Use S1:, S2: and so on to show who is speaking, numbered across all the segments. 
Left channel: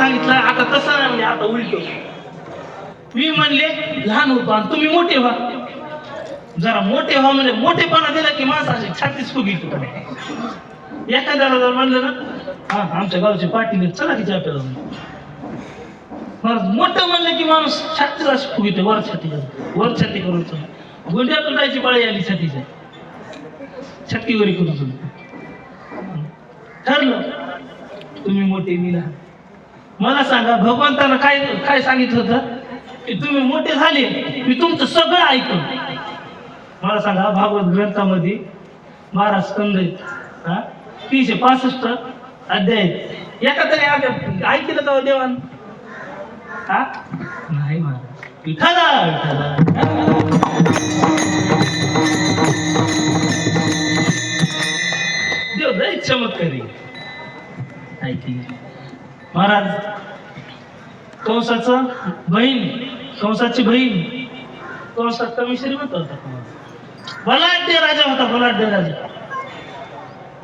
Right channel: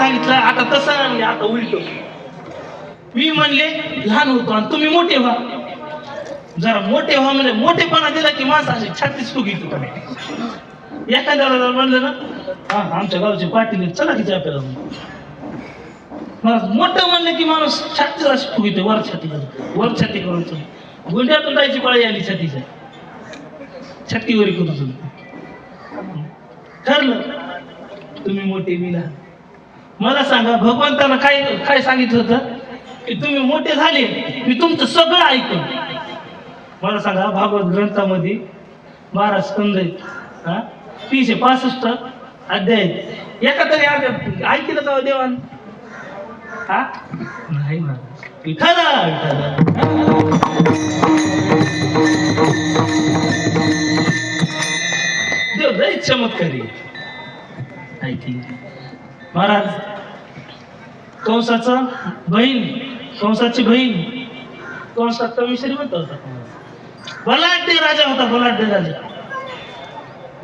S1: सांगितलं आता तसं नाही आता उलट. मी म्हणले लहान होतो आणि तुम्ही मोठे व्हा. जरा मोठे व्हा म्हणजे मोठेपणा दिला की माणसाची छातीच फुगी तू एखाद्याला जर म्हणलं ना हा आमच्या गावचे पाटील चला तिच्या आपल्याला मोठं म्हणलं की माणूस छातीच अशी फुगितो वर छाती वर छाती करून गुंड्यातून जायची पाळी आली छातीच्या. छातीवरी करू तुम्ही ठरलं तुम्ही मोठे मी लहान. मला सांगा भगवंतानं काय काय सांगितलं होतं? की तुम्ही मोठे झाले मी तुमचं सगळं ऐकून. मला सांगा भागवत ग्रंथामध्ये बारा स्कंद आहेत तीनशे पासष्ट अध्याय एका तरी ऐकलं का हो देवान? हा? नाही महाराज. विठाला देव लय चमत्कारी. ऐकली महाराज कंसाचं बहीण कंसाची बहीण. कंसात कमी श्रीमंत होता बलाढ्य राजा होता बलाढ्य राजा.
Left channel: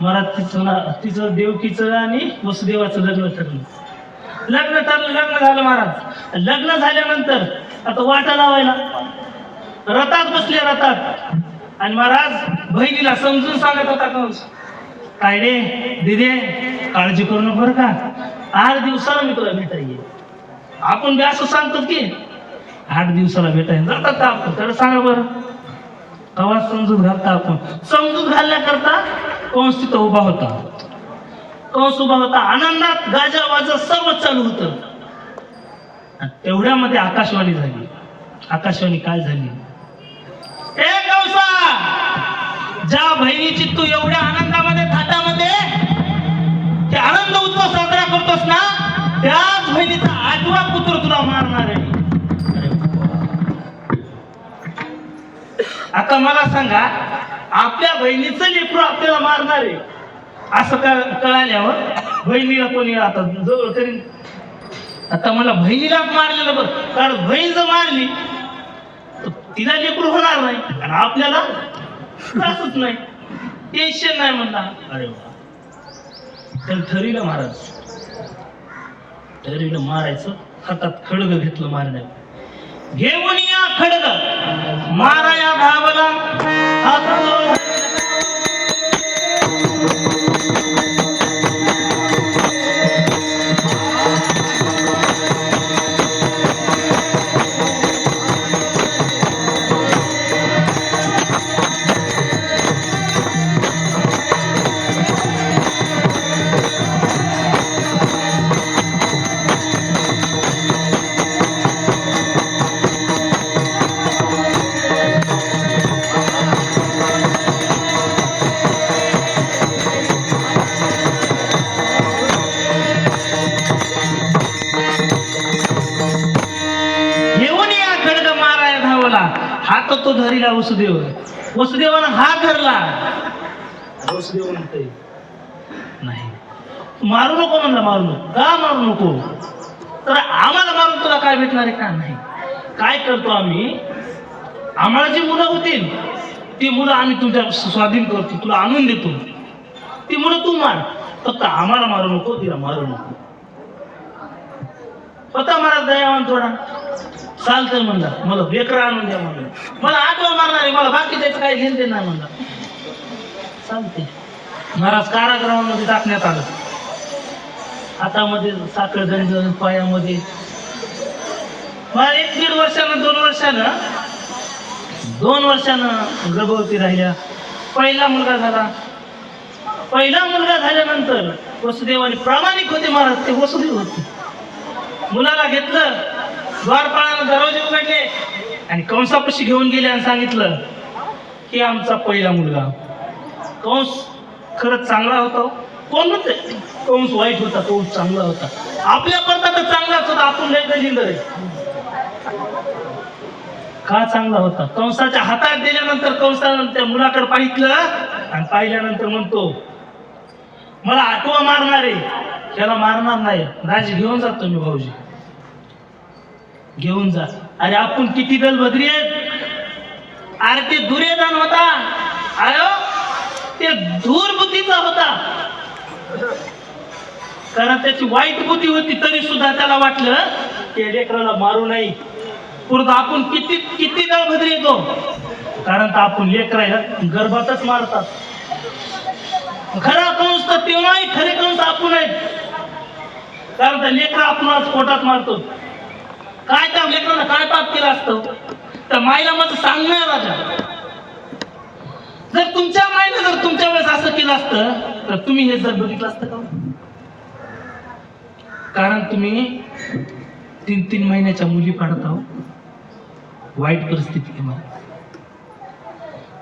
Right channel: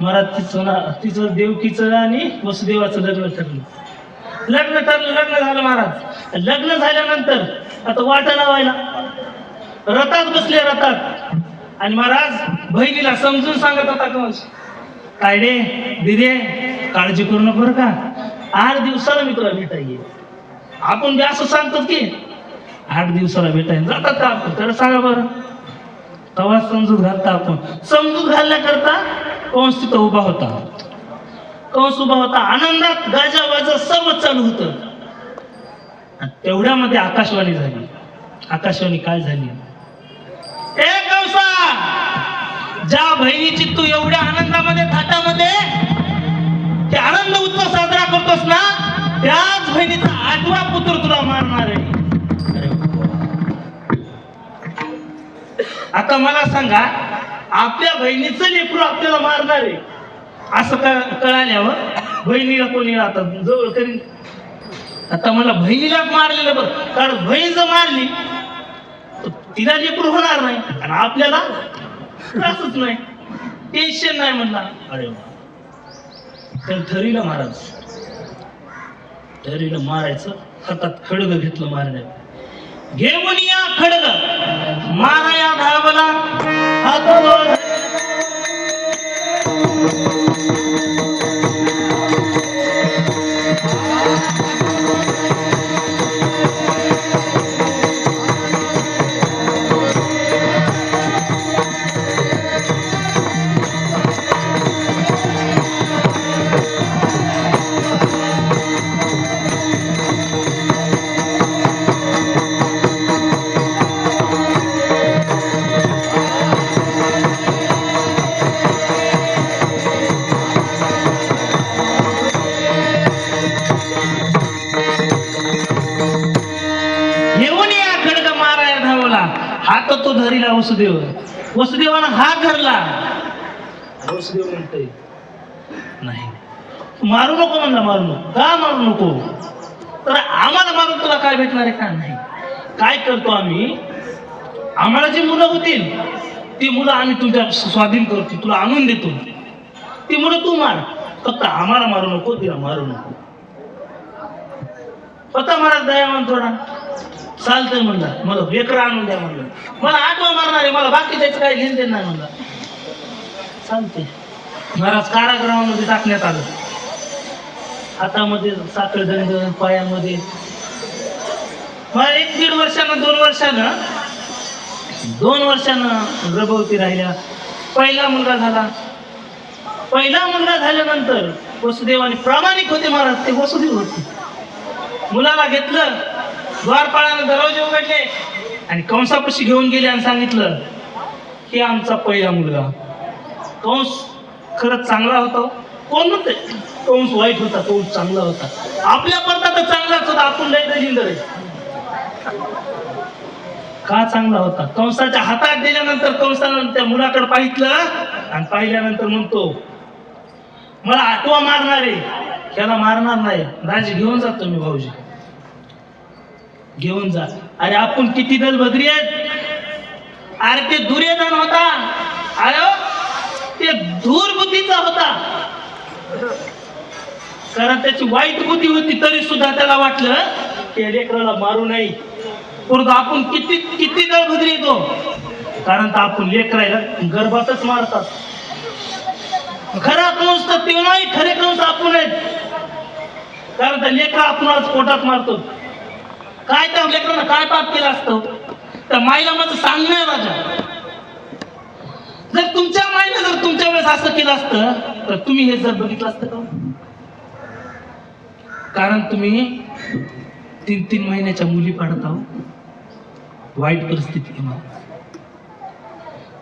S1: महाराज तिचं तिचं देवकीचं आणि वसुदेवाचं लग्न ठरलं. लग्न ठरलं लग्न झालं महाराज. लग्न झाल्यानंतर आता वाटा लावायला. रथात बसले रथात. आणि महाराज बहिणीला समजून सांगत होता कंस काय रे दिदे काळजी करू नको बरं का. आठ दिवसाला मी तुला भेटायला आपण बी असं सांगतो की आठ दिवसाला भेटायला जातात आपण. तर सांगा बरं. तेव्हा समजूत घालता आपण. समजूत घालण्याकरता कंस तिथं उभा होता. कंस उभा होता. आनंदात गाजा वाजा सर्व चालू होत. तेवढ्यामध्ये आकाशवाणी झाली. आकाशवाणी काय झाली? ए ज्या बहिणीची तू एवढ्या आनंदामध्ये थाटामध्ये ते आनंद उत्सव साजरा करतोस ना त्याच बहिणीचा आठवा पुत्र तुला मारणार आहे. आता मला सांगा आपल्या बहिणीचं लेकरू आपल्याला मारणार आहे. असं कळाल्यावर बहिणीला कोणी आता जवळ करीन? आता मला बहिणीलाच मारलेलं बरं कारण बहीण जर मारली तर तिला लेकरू होणार नाही आणि आपल्याला त्रासच नाही. टेन्शन नाही म्हणला. अरे तर ठरीला महाराज तरीनं मारायचं हातात खडग घेतलं मारण्यात. घेऊन या खडग. माराया धावला. वसुदेव. वसुदेवानं हात धरला. वसुदेव म्हणतोय. नाही. मारू नको म्हणला मारू नको. का मारू नको? तर आम्हाला मारून तुला काय भेटणार आहे का? नाही. काय करतो आम्ही? आम्हाला जी मुलं होतील ती मुलं आम्ही तुझ्या स्वाधीन करतो तुला आणून देतो. ती मुलं तू मार. फक्त आम्हाला मारू नको तिला मारू नको. पता महाराज दयावान थोडा चालतंय म्हणला. मला बेकरा आणून द्या म्हणलं. मला आठवण मारणार आहे मला बाकी त्याचं काही घेण देणार म्हणलं. चालते महाराज कारागृहामध्ये टाकण्यात आलं. हातामध्ये साखळदंड पायामध्ये. मला एक दीड वर्षानं दोन वर्षानं दोन वर्षानं गर्भवती राहिल्या. पहिला मुलगा झाला. पहिला मुलगा झाल्यानंतर वसुदेवाने प्रामाणिक होते महाराज ते वसुदेव होते. मुलाला घेतलं. द्वारपाळानं दरवाजे उघडले. आणि कंसापाशी घेऊन गेले आणि सांगितलं की आमचा पहिला मुलगा. कंस खरंच चांगला होता हो. कोण कंस वाईट होता कंस चांगला होता. आपल्या करता तर चांगलाच होता आपण लय दलिंदर का चांगला होता? कंसाच्या हातात दिल्यानंतर कंसानं त्या मुलाकडे पाहितलं आणि पाहिल्यानंतर म्हणतो मला आठवा मारणार. आहे त्याला मारणार नाही. राज घेऊन जातो मी भाऊजी. घेऊन जा. अरे आपण किती दल बदरी आहेत? अरे ते दुर्योधन होता. आयो हो, ते धूर बुद्धीचा होता. कारण त्याची वाईट बुद्धी होती तरी सुद्धा त्याला वाटलं ते लेकराला मारू नाही. परंतु आपण किती किती दळभद्री येतो? कारण तर आपण लेकरायला गर्भातच मारतात. खरा कंस तर तेव्हाही नाही खरे कंस आपण आहेत. कारण त्या लेकरा आपण पोटात मारतो. काय त्या लेकरानं काय पाप केलं असतं? तर माईला माझं सांगणं राजा. जर तुमच्या माईने जर तुमच्या वेळेस असं केलं असतं तर तुम्ही हे जर बघितलं असतं का हो? कारण तुम्ही तीन तीन महिन्याच्या मुली पाडत आहो वाईट परिस्थिती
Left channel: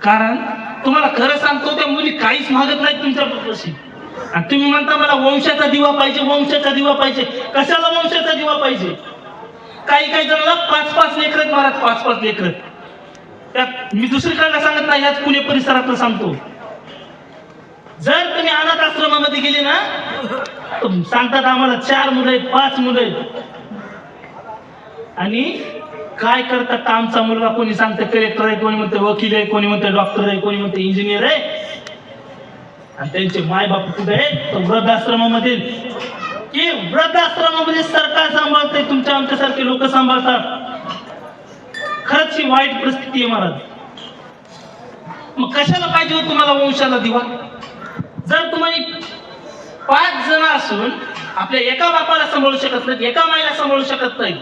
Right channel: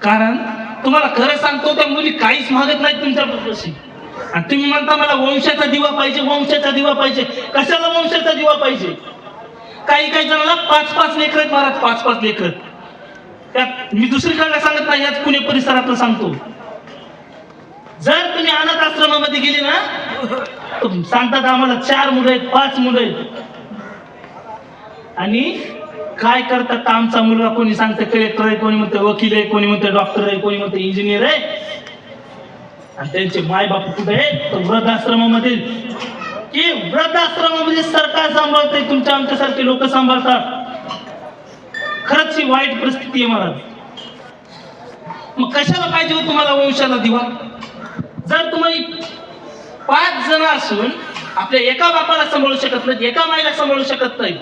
S1: कारण तुम्हाला खरं सांगतो त्या मुली काहीच मागत नाही तुमच्या तुमच्यापाशी आणि तुम्ही म्हणता मला वंशाचा दिवा पाहिजे वंशाचा दिवा पाहिजे. कशाला वंशाचा दिवा पाहिजे? काही काही जणांना पाच पाच लेकर आहेत महाराज पाच पाच लेकर त्यात मी दुसरीकडे सांगत नाही ह्याच पुणे परिसरात सांगतो. जर तुम्ही अनाथ आश्रमामध्ये गेले ना सांगतात आम्हाला चार मुलं आहेत पाच मुलं आहेत. आणि काय करतात आमचा मुलगा? कोणी सांगतं कलेक्टर आहे कोणी म्हणतं वकील आहे कोणी म्हणतं डॉक्टर आहे कोणी म्हणतं इंजिनियर आहे. आणि त्यांचे माय बाप कुठे आहे तर वृद्धाश्रमामध्ये की वृद्धाश्रमामध्ये सरकार सांभाळते तुमच्या आमच्यासारखे लोक सांभाळतात. खरंच ही वाईट परिस्थिती आहे महाराज. मग कशाला पाहिजे हो तुम्हाला वंशाला दिवा? जर तुम्ही पाच जण असून आपल्या एका बापाला सांभाळू शकत नाही एका माईला सांभाळू शकत नाही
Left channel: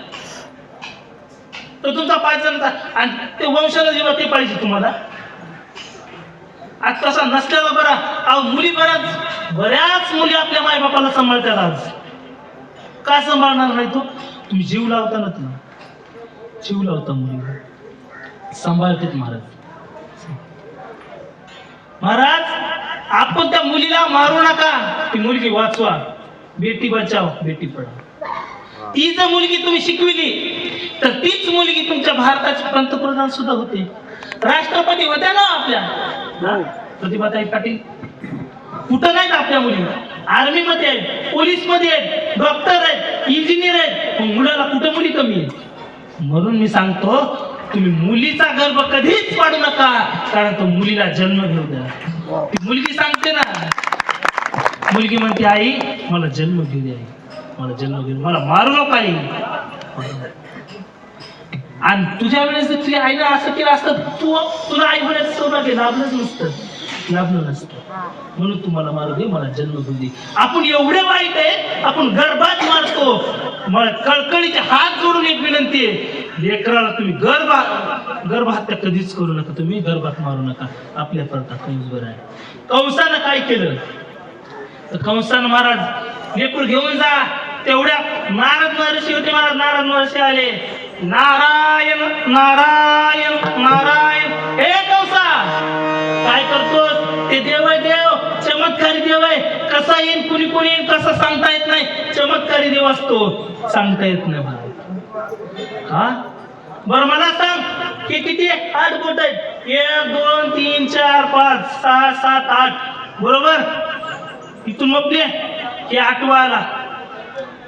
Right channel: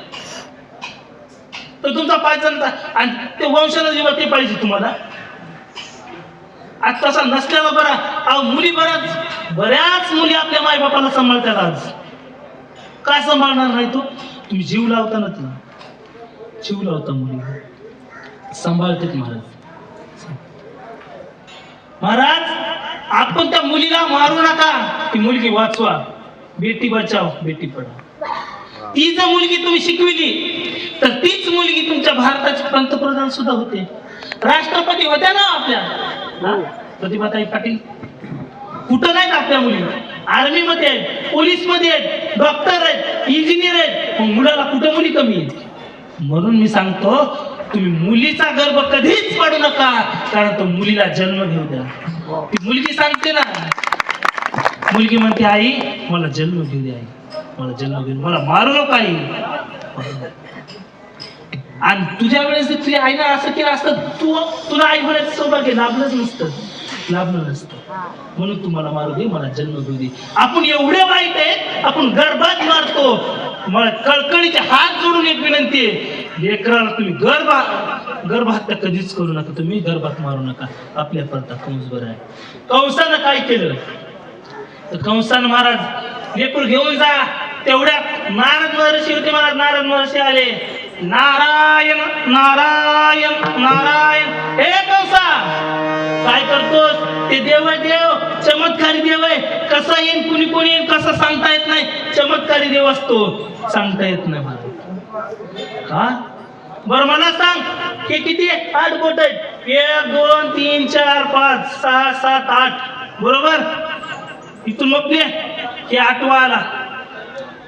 S1: तर तुमचा पाच जण आणि ते वंशाला दिवा ते पाहिजे तुम्हाला. आज तसा नसल्याला बरा अहो मुली बऱ्याच बऱ्याच मुली आपल्या माय बापाला सांभाळतात आज. काय सांभाळणार नाही तू? तुम्ही जीव लावता ना तू. जीव लावता मुली सांभाळते महाराज. महाराज आपण त्या मुलीला मारू नका. ती मुलगी वाचवा. बेटी बचाव बेटी पढाव. ती जर मुलगी तुम्ही शिकविली तर तीच मुलगी तुमच्या भारताचे पंतप्रधान सुद्धा होते. राष्ट्रपती होत्या ना आपल्या. हा? प्रतिभाताई पाटील. कुठं नाहीत आपल्या मुली आर्मी मध्ये आहेत पोलीसमध्ये आहेत डॉक्टर आहेत इंजिनियर आहेत मग मुलाला कुठं मुली कमी आहेत? म्हणून मी सांगतो तुम्ही मुलीचा गर्भ कधीच पाडू नका कारण तो मुलीला जन्म घेऊ द्या. मुलगी सांगते ना. मुलगी म्हणते आई मला जन्म घेऊ दे आई. मला जन्म घेऊ मला मारू नका आई. आणि तुझ्या वेळेस तुझ्या आईनं असं केलं असतं तू तुला आई म्हणायचं सौभाग्य लाभलंच नसतं. लाभलं नसतं. म्हणून तुम्हाला मारू दे मला जन्म घेऊ दे. आपण एवढे वाईट आहे आपण गर्भात मारतो. मला कळकळीचे हात जोडून एक विनंती आहे. लेकराला तुम्ही गर्भा गर्भहत्या कधीच करू नका तुम्ही गर्भात मारू नका. आपल्या करता कंस बरं आहे. कंसानं काय केलं? तर कंसानं महाराज लेकूर घेऊन जा. तेवढ्या नारद महर्षी होते महाराज नारद महर्षी आले. नारायण नारायण नारायण. हे कंसा! काय करतोस? ते देव देव कसा येईन कुणी कुणी येईन कसं सांगता येत नाही. चमत्कारी देव असतो सांगता येत नाही हा? बर मला सांग की किती आठ बोट आहेत. एक दोन तीन चार पाच सहा सात आठ. बरोबर? इथून मग की आठवा आला.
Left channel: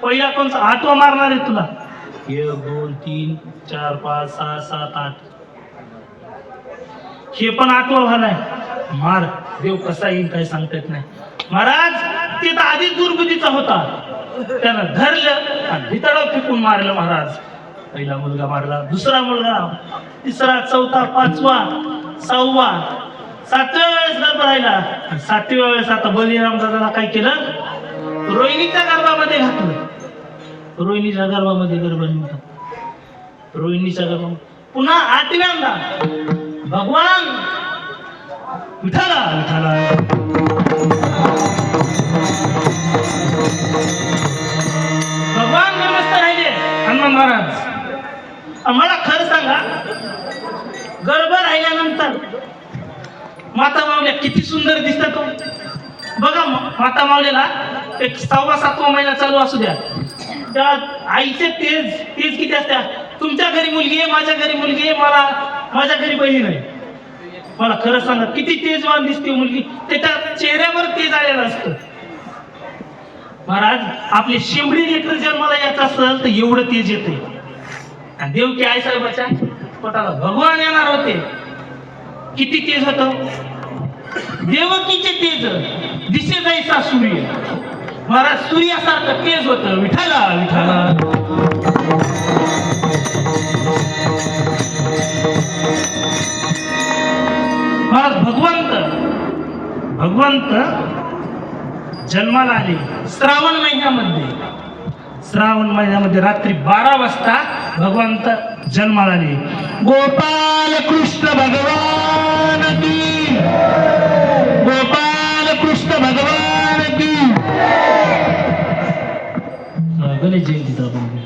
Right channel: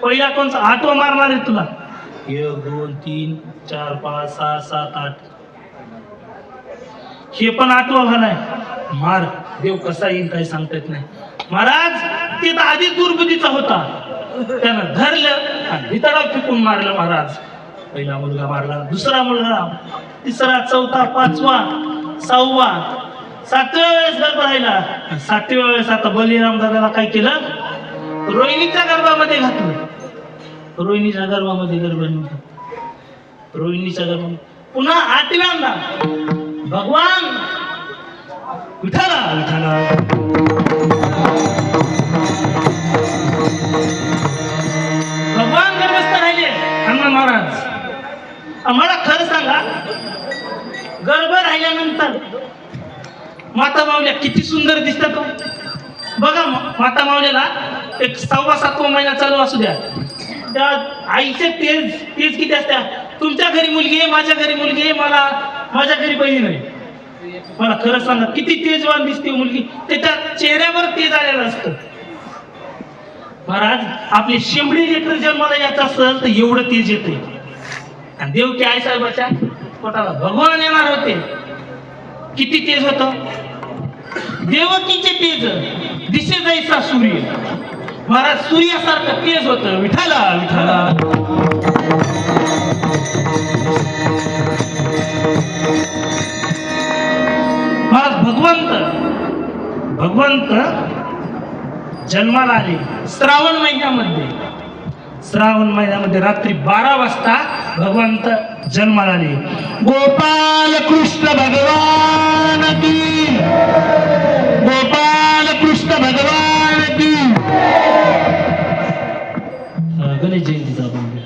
S1: पहिला कोणता? आठवा मारणार आहे तुला. एक दोन तीन चार पाच सहा सात आठ. हे पण आठवा झालाय मार. देव कसा येईल काय सांगता येत नाही. महाराज तिथं आधी आधीच होता. त्यानं धरलं आणि भितडाव फेकून मारलं महाराज. पहिला मुलगा मारला दुसरा मुलगा तिसरा चौथा पाचवा सहावा सातव्या वेळेस गर्भ राहिला. आणि सातव्या वेळेस आता बलिराम दादाला काय केलं? रोहिणीच्या गर्भामध्ये घातलं. रोहिणीच्या गर्भामध्ये गर्भ निघतो रोहिणीच्या गर्भ पुन्हा आठव्यांदा. भगवान विठाला विठाला माता मावल्या किती सुंदर दिसतात हो. बघा माता मावलेला एक सहावा सातवा महिना चालू असू द्या. त्या आईचे तेज तेज किती असत्या? तुमच्या घरी मुलगी आहे माझ्या घरी मुलगी आहे मला माझ्या घरी बहीण आहे. मला खरं सांगा किती तेजवान दिसते हो मुलगी. त्याच्या चेहऱ्यावर तेज आलेलं असतं. महाराज आपले शिंबडी लेकर जन्माला यायचं असेल तर एवढं तेज येते आणि देवकी आई साहेबाच्या पोटाला भगवान येणार होते. किती तेज होत? देवकीचे तेज. दिसे जायचा सूर्य. महाराज सूर्यासारखं तेज होत. विठाला विठाला. महाराज भगवंत. भगवंत जन्माला आले. श्रावण महिन्यामध्ये. श्रावण महिन्यामध्ये रात्री बारा वाजता भगवंत जन्माला आले गोपाल कृष्ण भगवान की गोपाल कृष्ण भगवान की गणेश जयंतीचा आपण